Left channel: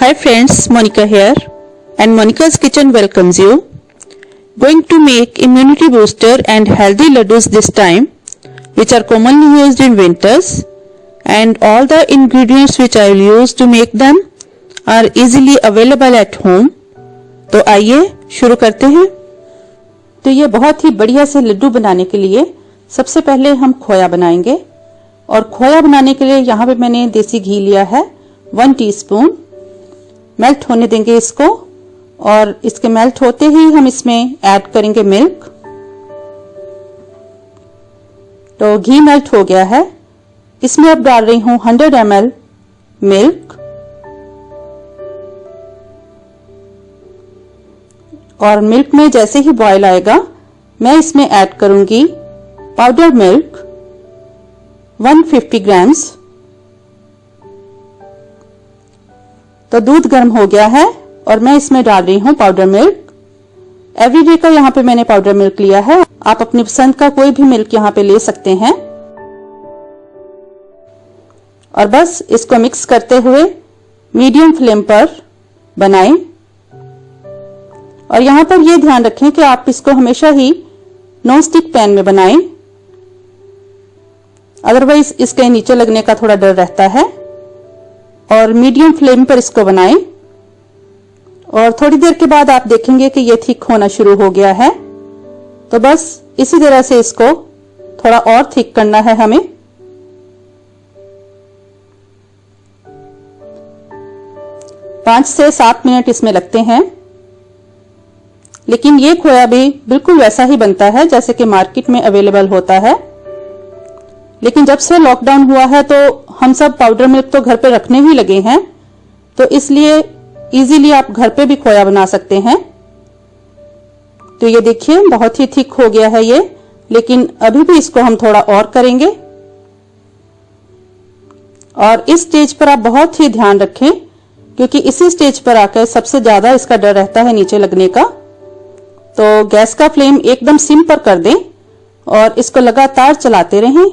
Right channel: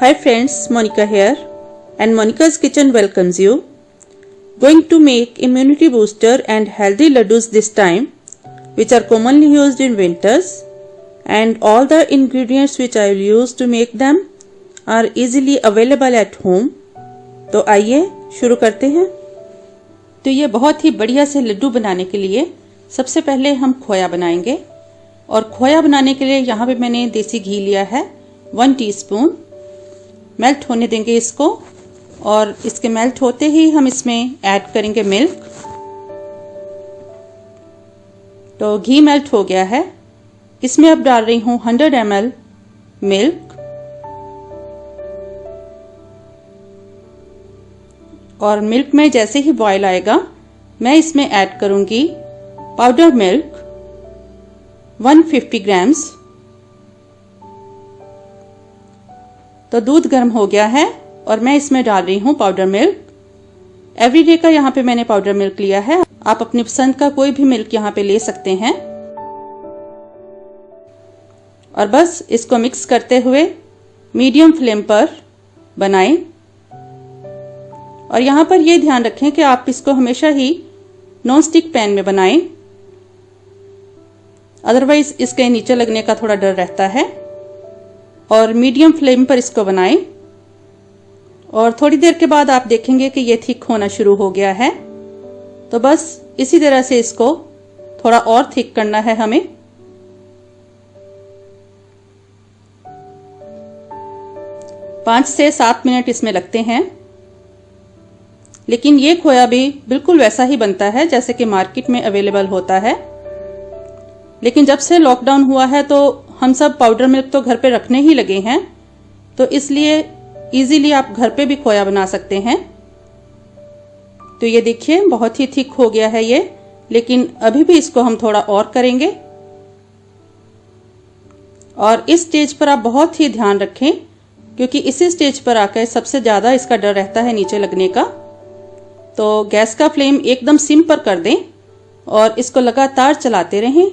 Hi friends, Monica here and Monica's Kitchen welcomes you. Going to make immunity booster and healthy laddus this time, which are commonly used in winters, and all the ingredients which I will use to make them are easily available at home. तो आइए शुरू करते हैं। तो ये बहुत ही बढ़िया से लड्डू बनाने के लिए सबसे पहले हम खोया बनाएंगे और खोया बनाने के लिए यहाँ पे मैंने देसी घी लिया है 1 टीस्पून। मेल्ट होने देंगे इसको और इसके मेल्ट होते ही हम इसमें ऐड करेंगे मिल्क। तो घी मेल्ट हो गया है, इसमें अब डाल रही हूं 100 ml मिल्क और मिल्क में जैसे ही बॉयल आएगा मैं इसमें ऐड करूंगी पाउडर मिल्क 150 ग्राम्स। तो दूध गर्म हो गया है और मैं इसमें डाल रही हूं पाउडर मिल्क। एवरीडे का यहाँ पे मैंने पाउडर मिल्क लिया है, आप अपनी पसंद का कोई भी मिल्क यहाँ पे ले सकते हैं। और बस इसको मिक्स करते हुए मीडियम फ्लेम पर बनाएं। और यहाँ पर यह ध्यान रखें कि आप इसको हमेशा ही नॉन स्टिक पैन में बनाएं, अदरवाइज इसके नीचे लगने का थोड़ा डर रहता है। और मीडियम फ्लेम पर इसको बनाएं और थोड़ी देर के बाद आप देखेंगे कि ये थिक होना शुरू हो गया है। तो बस इसी तरह से इसको थोड़ा और थिक करना है हमें। पांच से 7 मिनट इसमें लगते हैं, लेकिन ये खोया भी बिल्कुल वैसा ही बनता है जैसे कि मार्केट में अवेलेबल होता है। लेकिन जब से लॉकडाउन हुआ है तो हम सब पाउडर मिल्क तो घर पे रखने ही लगे हैं, तो इसलिए इजीली आप घर पे भी खोया बना सकते हैं। तो ये देखिए बहुत ही थिक हो गया है ये, लेकिन अभी भी इसको हम थोड़ा और करेंगे। और इस स्टेज पर आप बहुत ही ध्यान रखें, क्योंकि इसी स्टेज पर आकर सबसे ज्यादा इसका डर रहता है नीचे लगने का। तो गैस का फ्लेम एकदम सिम पर कर दें और इसको लगातार चलाते रहें।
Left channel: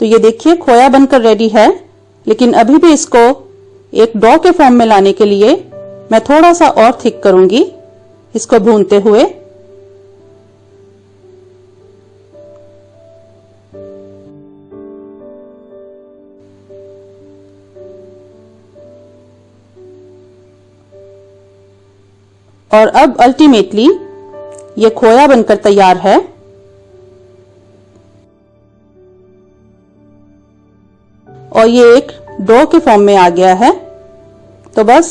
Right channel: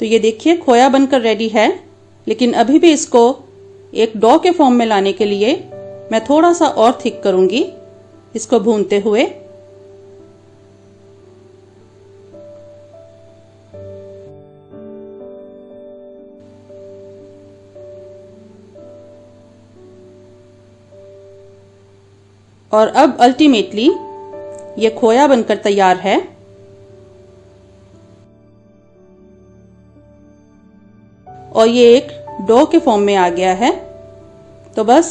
तो ये देखिए खोया बनकर रेडी है, लेकिन अभी भी इसको एक डो के फॉर्म में लाने के लिए मैं थोड़ा सा और थिक करूंगी इसको भूनते हुए। और अब अल्टीमेटली ये खोया बनकर तैयार है। और ये एक डो के फॉर्म में आ गया है। तो बस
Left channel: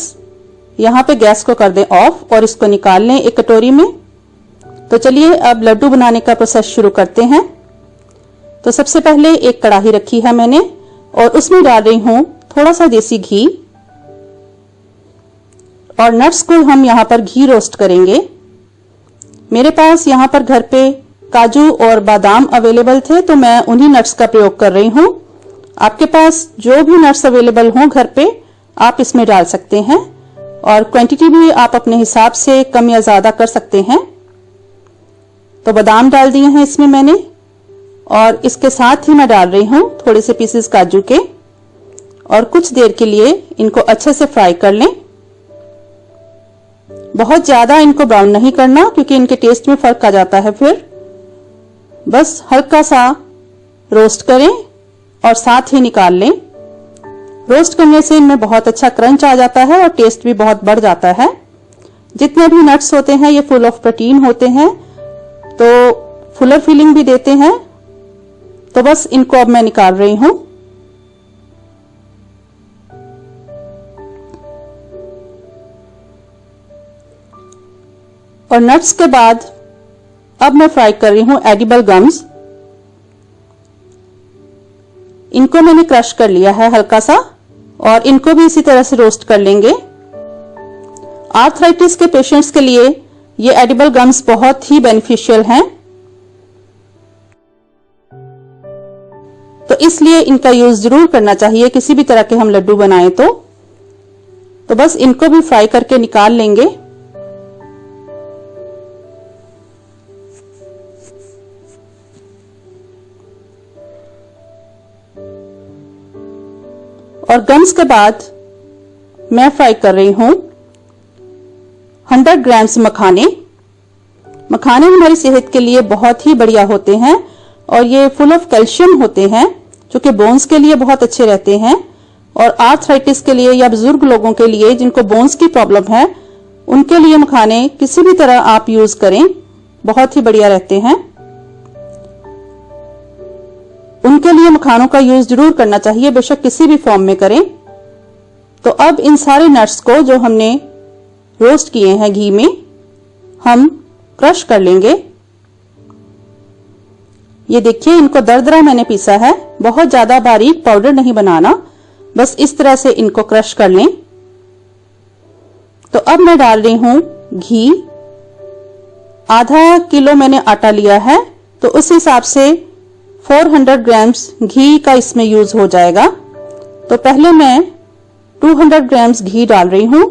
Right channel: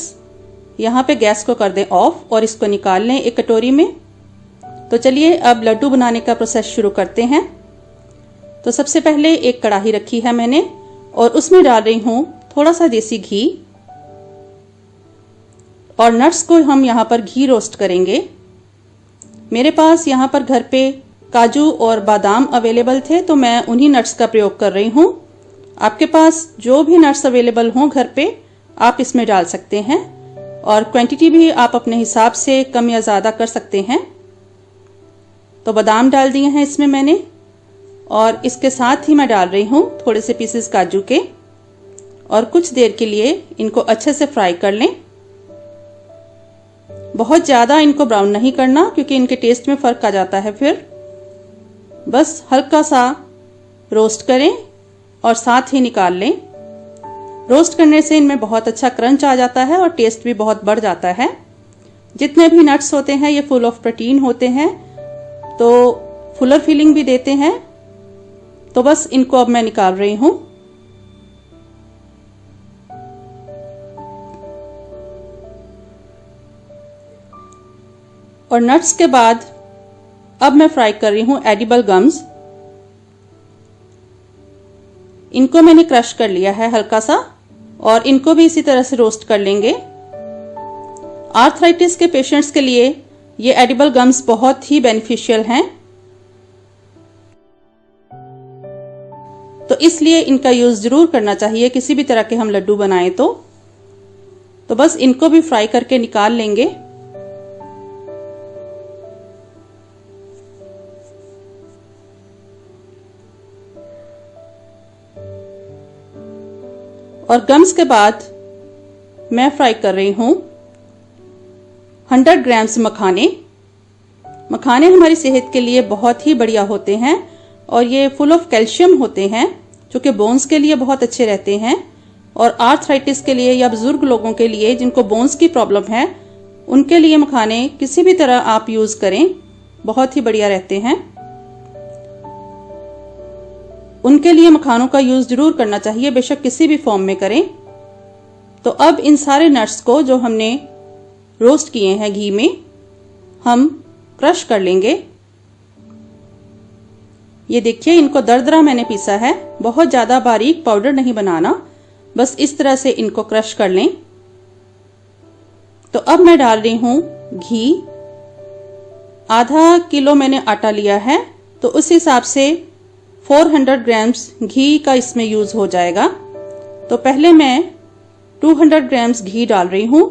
यहाँ पे गैस को कर दें ऑफ और इसको निकाल लें एक कटोरी में। तो चलिए अब लड्डू बनाने का प्रोसेस शुरू करते हैं। तो सबसे पहले एक कढ़ाई रखी है मैंने और उसमें डाल रही हूं थोड़ा सा देसी घी और नट्स को हम यहाँ पर घी रोस्ट करेंगे। मेरे पास यहाँ पर घर पे काजू और बादाम अवेलेबल थे, तो मैं उन्हीं नट्स का प्रयोग कर रही हूँ। आपके पास जो भी नट्स अवेलेबल हों घर पे आप इसमें डाल सकते हैं और क्वांटिटी भी आप अपने हिसाब से कम या ज्यादा कर सकते हैं। तो बादाम डाल दिए हैं इसमें मैंने और इसके साथ ही मैं डाल रही हूं थोड़े से पीसेस काजू के और कुछ देर के लिए इनको अच्छे से फ्राई कर लें। बहुत ज्यादा इनको ब्राउन नहीं करना, क्योंकि इनके टेस्ट में फर्क आ जाता है। फिर बस हल्का सा रोस्ट करें और साथ ही निकाल लें। रोस्ट करने से इनमें बहुत अच्छा क्रंच आ जाता है और टेस्ट भी बहुत बढ़ जाता है। जितने भी नट्स होते हैं ये फुल ऑफ प्रोटीन होते हैं, तो फुलर फीलिंग भी देते हैं। तो बस इनको अब मैं निकाल रही हूं। और नट्स के बाद अब मैं फ्राई कर रही हूं एडिबल गम्स। इनको मैंने क्रश कर लिया है हल्का सा और इनको भी इसी तरह से रोस्ट कर लेंगे। आर्थराइटिस के पेशेंट्स के लिए ये एडिबल गम्स बहुत ही बेनिफिशियल हैं, तो इसलिए इनका यूज जरूर करना चाहिए किसी भी तरह के हम लड्डू बनाएं तो बस इनको भी फ्राई करके निकाल लेंगे। और गम्स के बाद मैं फ्राई कर रही हूं 100 ग्राम्स मखाने। मखाने हमारी सेहत के लिए बहुत ही बढ़िया होते हैं और ये फुल ऑफ कैल्शियम होते हैं जो कि बोन्स के लिए बहुत अच्छे रहते हैं। और आर्थराइटिस के लिए या बुजुर्ग लोगों के लिए जिनको बोन्स की प्रॉब्लम है उनके लिए मखाने किसी भी तरह आप यूज करें, बहुत ही बढ़िया रहते हैं। उनके लिए मखानों का यूज जरूर करना चाहिए, बेशक किसी भी फॉर्म में करें। तो अब इन सारे नट्स को जो हमने रोस्ट किए हैं घी में, हम क्रश कर लेंगे। ये देखिए, इनको दरदरा मैंने पीसा है, बहुत ज्यादा बारीक पाउडर नहीं बनाना, बस इस तरह से इनको क्रश कर लें। तो अब मैं डाल रही हूं घी। आधा किलो मैंने आटा लिया है, तो उस हिसाब से 400 ग्राम्स घी का इसमें यूज हो जाएगा। तो पहले मैं 200 ग्राम्स घी डाल रही हूं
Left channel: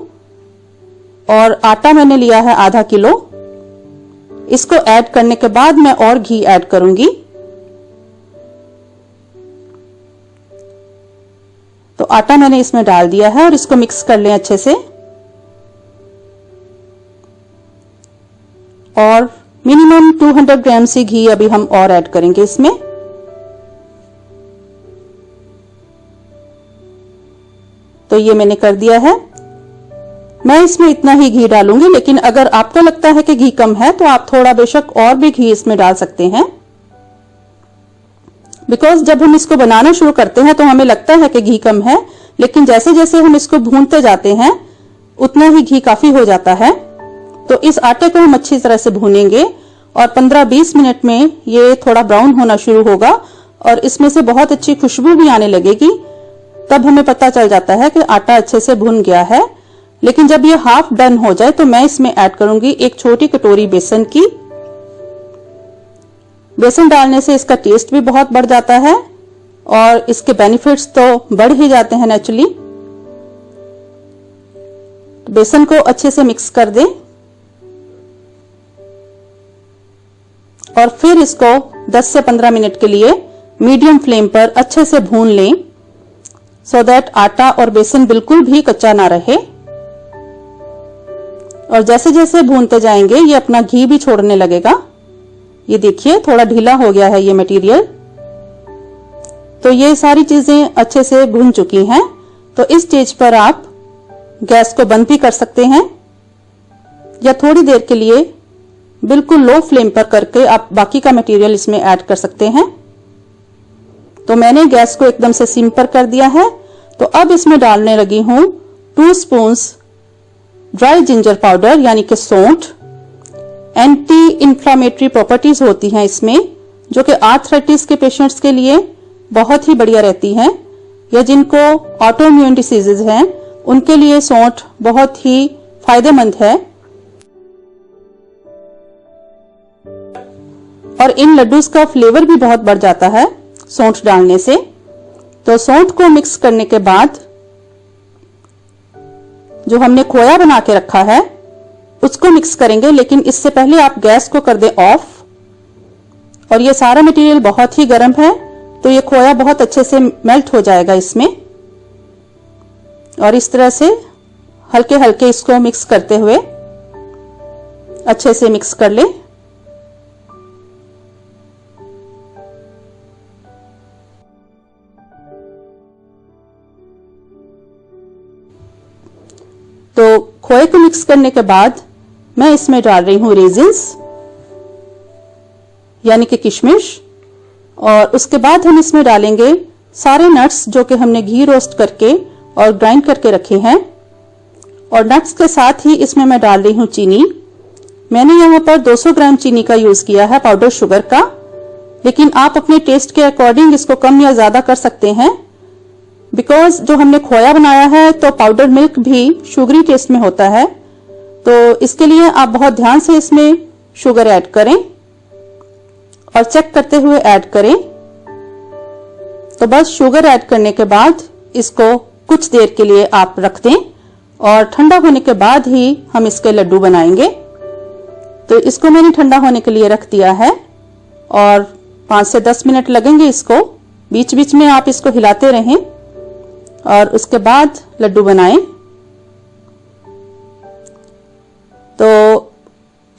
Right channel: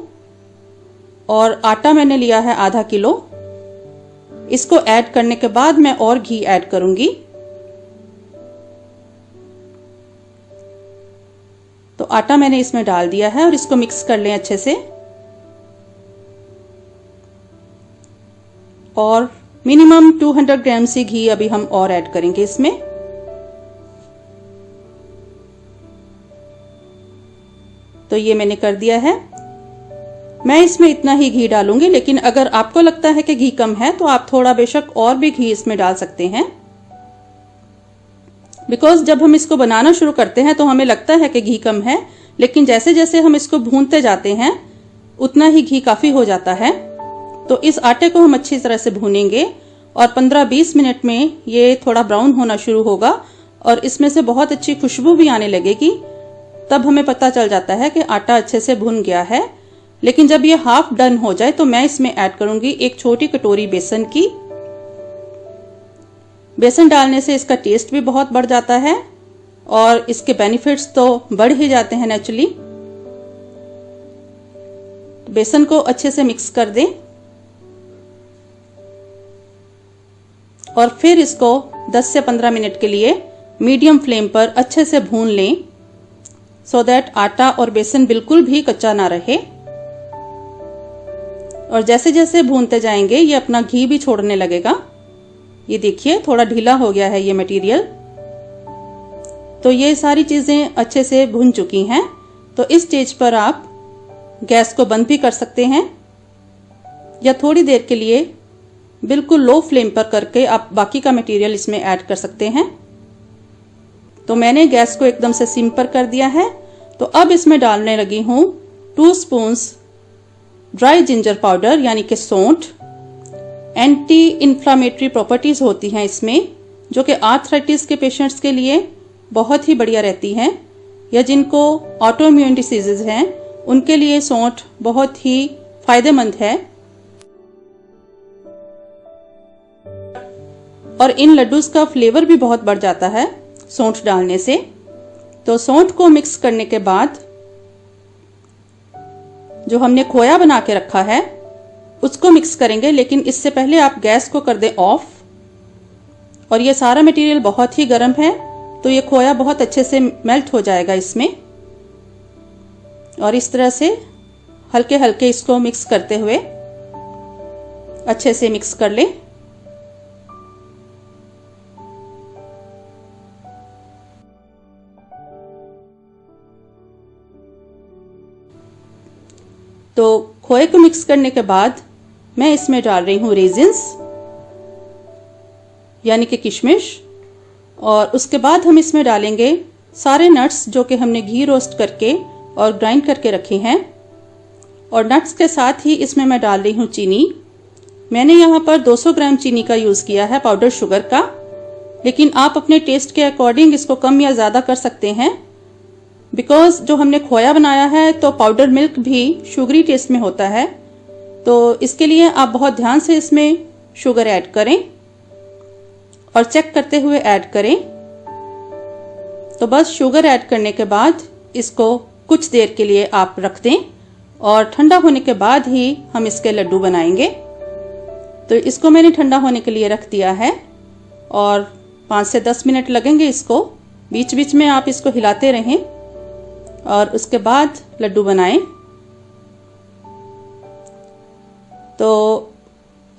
और आटा मैंने लिया है आधा किलो। इसको ऐड करने के बाद मैं और घी ऐड करूंगी। तो आटा मैंने इसमें डाल दिया है और इसको मिक्स कर लें अच्छे से। और मिनिमम 200 ग्राम से घी अभी हम और ऐड करेंगे इसमें। तो ये मैंने कर दिया है। मैं इसमें इतना ही घी डालूंगी, लेकिन अगर आपको लगता है कि घी कम है तो आप थोड़ा बेशक और भी घी इसमें डाल सकते हैं। बिकॉज जब हम इसको बनाना शुरू करते हैं तो हमें लगता है कि घी कम है, लेकिन जैसे जैसे हम इसको भूनते जाते हैं उतना ही घी काफी हो जाता है। तो इस आटे को हम अच्छी तरह से भूनेंगे और 15-20 मिनट में ये थोड़ा ब्राउन होना शुरू होगा और इसमें से बहुत अच्छी खुशबू भी आने लगेगी। तब हमें पता चल जाता है कि आटा अच्छे से भुन गया है। लेकिन जब ये हाफ डन हो जाए तो मैं इसमें ऐड करूंगी एक छोटी कटोरी बेसन की। बेसन डालने से इसका टेस्ट भी बहुत बढ़ जाता है और इसके बेनिफिट्स तो बढ़ ही जाते हैं नेचुरली। बेसन को अच्छे से मिक्स कर दें और फिर इसको 10 से 15 मिनट के लिए मीडियम फ्लेम पर अच्छे से भून लें, सो दैट आटा और बेसन बिल्कुल भी कच्चा ना रहे। और जैसे जैसे भूनते जाएंगे ये अपना घी भी छोड़ने लगेगा। ये देखिए, थोड़ा ढीला हो गया है ये मटेरियल। तो ये सारी चीजें अच्छे से भून चुकी हैं। तो इस स्टेज पर आप गैस को बंद भी कर सकते हैं या थोड़ी देर के लिए बिल्कुल लो फ्लेम पर करके आप बाकी का मटेरियल इसमें ऐड कर सकते हैं। तो मैंने गैस को एकदम से सिम पर कर दिया है। तो अब इसमें डालने लगी हूं 2 स्पून्स ड्राई जिंजर पाउडर, यानी कि सौंठ। एंटी इंफ्लामेटरी प्रॉपर्टीज होती हैं इसमें, जो कि आर्थराइटिस के पेशेंट्स के लिए बहुत ही बढ़िया रहती हैं, या जिनको ऑटोइम्यून डिसीजेज हैं उनके लिए सौंठ बहुत ही फायदेमंद है। और इन लड्डूस का फ्लेवर भी बहुत बढ़ जाता है सौंठ डालने से। तो सौंठ को मिक्स करने के बाद जो हमने खोया बना के रखा है उसको मिक्स करेंगे, लेकिन इससे पहले आप गैस को कर दें ऑफ। और ये सारा मटेरियल बहुत ही गर्म है, तो ये खोया बहुत अच्छे से मेल्ट हो जाएगा इसमें। और इस तरह से हल्के हल्के इसको मिक्स करते हुए अच्छे से मिक्स कर लें। तो खोए को मिक्स करने के बाद मैं इसमें डाल रही हूं रेजिन्स, यानी कि किशमिश। और उसके बाद हम इसमें डालेंगे सारे नट्स जो कि हमने घी रोस्ट करके और ग्राइंड करके रखे हैं। और नट्स के साथ ही इसमें मैं डाल रही हूं चीनी। मैंने यहाँ पर 200 ग्राम चीनी का यूज किया है, पाउडर शुगर का, लेकिन आप अपने टेस्ट के अकॉर्डिंग इसको कम या ज्यादा कर सकते हैं। बिकॉज जो हमने खोया बनाया है तो पाउडर मिल्क भी शुगरी टेस्ट में होता है, तो इसके लिए आप बहुत ध्यान से इसमें शुगर ऐड करें और चेक करते हुए ऐड करें। तो बस शुगर ऐड करने के बाद इसको कुछ देर के लिए आप रख दें और ठंडा होने के बाद ही हम इसके लड्डू बनाएंगे। तो इसको मैंने ठंडा होने के लिए रख दिया है और 5 से 10 मिनट लगेंगे इसको। बीच बीच में आप इसको हिलाते रहें और उसके बाद लड्डू बनाएं। तो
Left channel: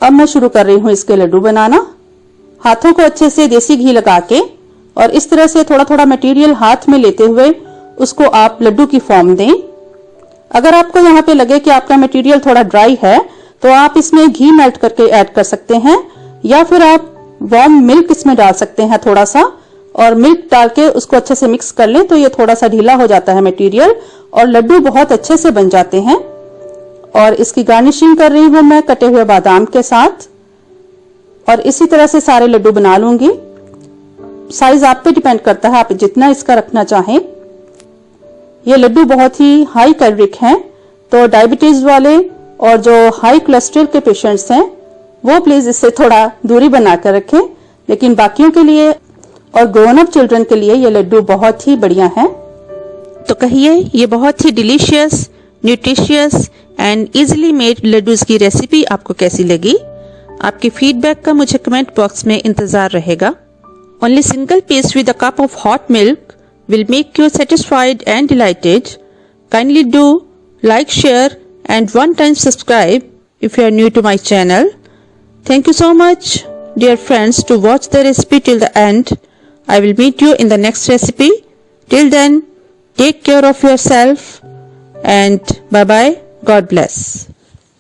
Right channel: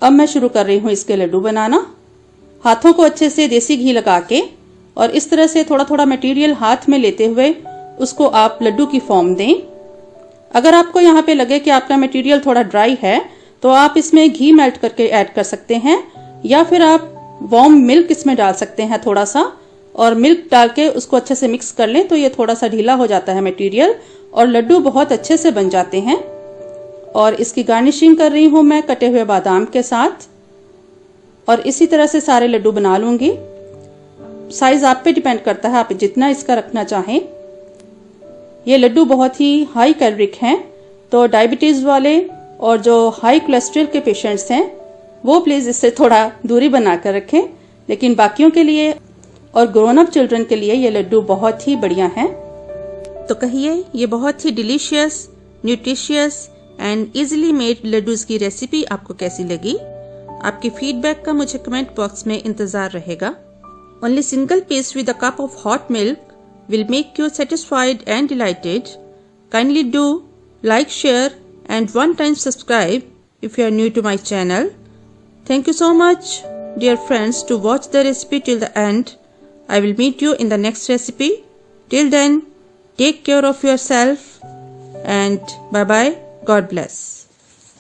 अब मैं शुरू कर रही हूँ इसके लड्डू बनाना। हाथों को अच्छे से देसी घी लगा के और इस तरह से थोड़ा थोड़ा मटेरियल हाथ में लेते हुए उसको आप लड्डू की फॉर्म दें। अगर आपको यहाँ पे लगे कि आपका मटेरियल थोड़ा ड्राई है तो आप इसमें घी मेल्ट करके ऐड कर सकते हैं, या फिर आप वार्म मिल्क इसमें डाल सकते हैं थोड़ा सा, और मिल्क डाल के उसको अच्छे से मिक्स कर लें तो ये थोड़ा सा ढीला हो जाता है मटेरियल और लड्डू बहुत अच्छे से बन जाते हैं। और इसकी गार्निशिंग कर रही हूं मैं कटे हुए बादाम के साथ, और इसी तरह से सारे लड्डू बना लूंगी। साइज आप पे डिपेंड करता है, आप जितना इसका रखना चाहें। ये लड्डू बहुत ही हाई कैलोरिक हैं, तो डायबिटीज वाले और जो हाई कोलेस्ट्रॉल के पेशेंट्स हैं वो प्लीज इससे थोड़ा दूरी बनाकर रखें, लेकिन बाकियों के लिए और ग्रोन अप चिल्ड्रन के लिए ये लड्डू बहुत ही बढ़िया हैं। तो कहिए ये बहुत ही delicious, nutritious and easily made laddoos की रेसिपी आपको कैसी लगी? आपकी फीडबैक का मुझे कमेंट बॉक्स में इंतजार रहेगा। Only single peace with a cup of hot milk will make you satisfied and delighted. Kindly do like, share and one time subscribe if you are new to my channel. Thank you so much dear friends to watch the recipe till the end. I will meet you in the next recipe. Till then, take care of yourself and bye bye. God bless.